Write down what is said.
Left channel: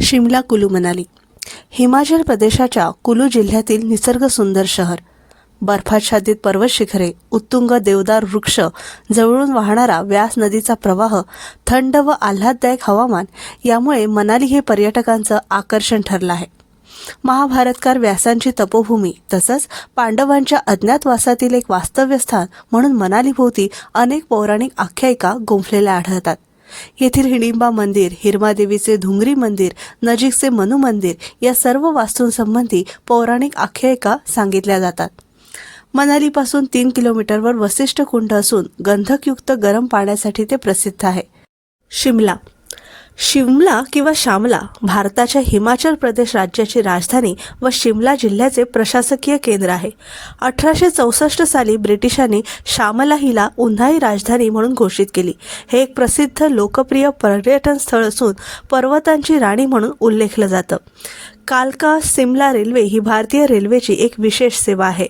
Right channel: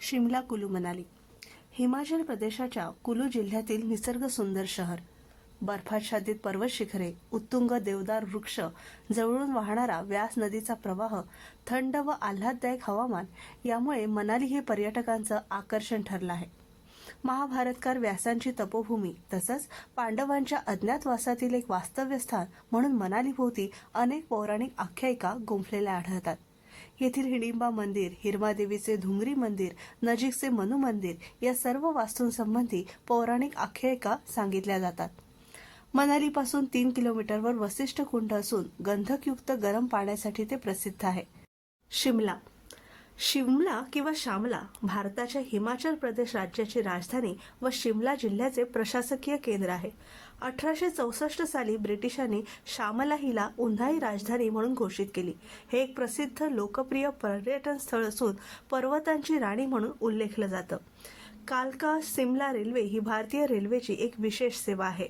शिमला कुलू मनाली हिमाचल प्रदेशाच्या कुलू जिल्ह्यातील निसर्ग सुंदर शहर. बर्फाच्छादित पर्वत शिखरे उत्तुंग देवदार वृक्ष जवळून वाहणारा व्यास नदीचा प्रवाह थंड व आल्हाददायक हवामान यामुळे मनाली हे पर्यटकांचं आकर्षण ठरलं आहे. महाभारतकार व्यासांची तपोभूमी तसंच पांडवांच्या अज्ञातवासातील एक वास्तव्यस्थान म्हणून मनालीभोवती अनेक पौराणिक आख्यायिका गुंफलेल्या आढळतात. येथील हिडिंबा मंदिर हिरमादेवीचे धुंगरी मंदिर नजीकचे मनु मंदिर या सर्व वास्तूंसंबंधी पौराणिक आख्यायिका सांगितल्या जातात. मनालीपासून तीन किलोमीटरवर वसिष्ठ कुंड असून गंधकयुक्त गरम पाण्यासाठी ते प्रसिद्ध आहे. शिमला शिमला किंवा शामला भारताच्या हिमाचल प्रदेश राज्याची राजधानी व शिमला जिल्ह्याचे प्रशासकीय केंद्र आहे. अठराशे चौसष्ट साली ब्रिटिशांनी शामला हिला उन्हाळी राजधानी म्हणून घोषित केली. हे एक प्रसिद्ध लोकप्रिय पर्यटन स्थळ असून पर्वतांची राणी म्हणून उल्लेखलं जातं. कालका सिमला रेल्वे ही भारतीय रेल्वेची एक विशेष सेवा आहे.